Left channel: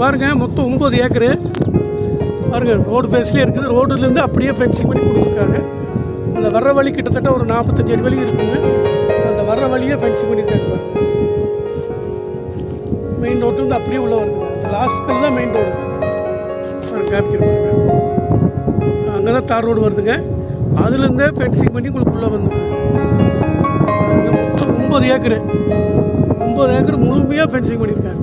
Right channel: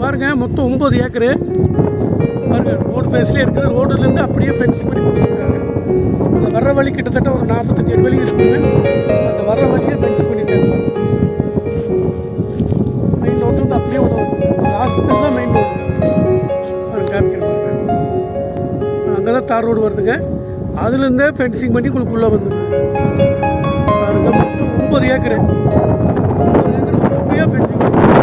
பாருங்கள் மொத்தம் ஒம்பது ஏக்கரு. பாருங்கள் ரோடு ஃபேஸ்லேயே இருக்குது. ரோடுலேருந்து அப்படியே ஃபென்சிங் பண்ணி கொடுத்துருக்காங்க. அந்த வர்ற வழி கிட்டத்தட்ட ஒரு நாற்பத்தஞ்சு அடி வழி இருக்குங்க. அந்த வர்ற வழியே ஃபென்சிங் பண்ணியிருக்காங்க பாருங்கள் மெயின் ரோட்டு வந்து அப்படியே உள்ள வருது. லாஸ்ட்டில் தான் மெயின் ரோடு பாருங்க காமிக்கிற பாருங்க. அங்கே தான் தார் ரோடு வருதுங்க. அதுலேருந்தே ஃபென்சிங் பண்ணி உங்களுக்கு உள்ளே வந்துடுது பாருங்க மொத்தம் ஒம்பது ஏக்கரு. ஒம்பது ஏக்கர் முழுமையாக ஃபென்சிங் பண்ணியிருக்காங்க.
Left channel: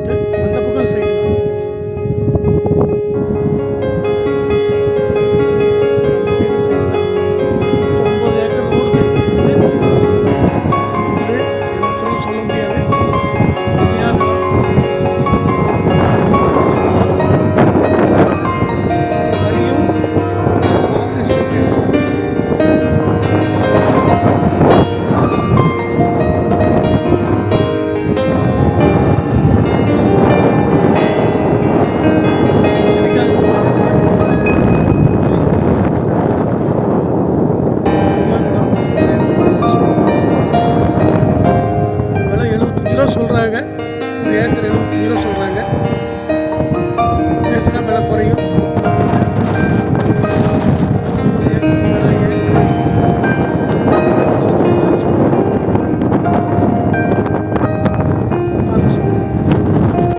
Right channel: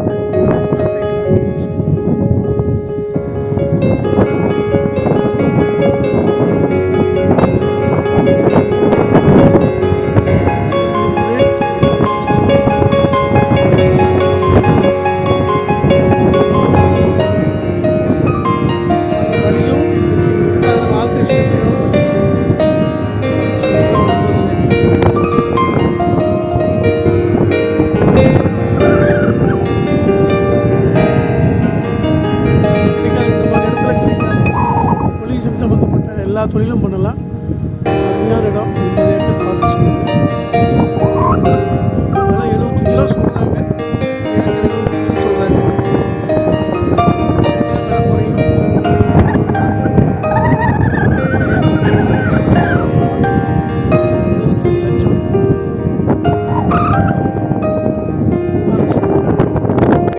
பண்ணிவிட்டு தான் சொல்கிறாங்க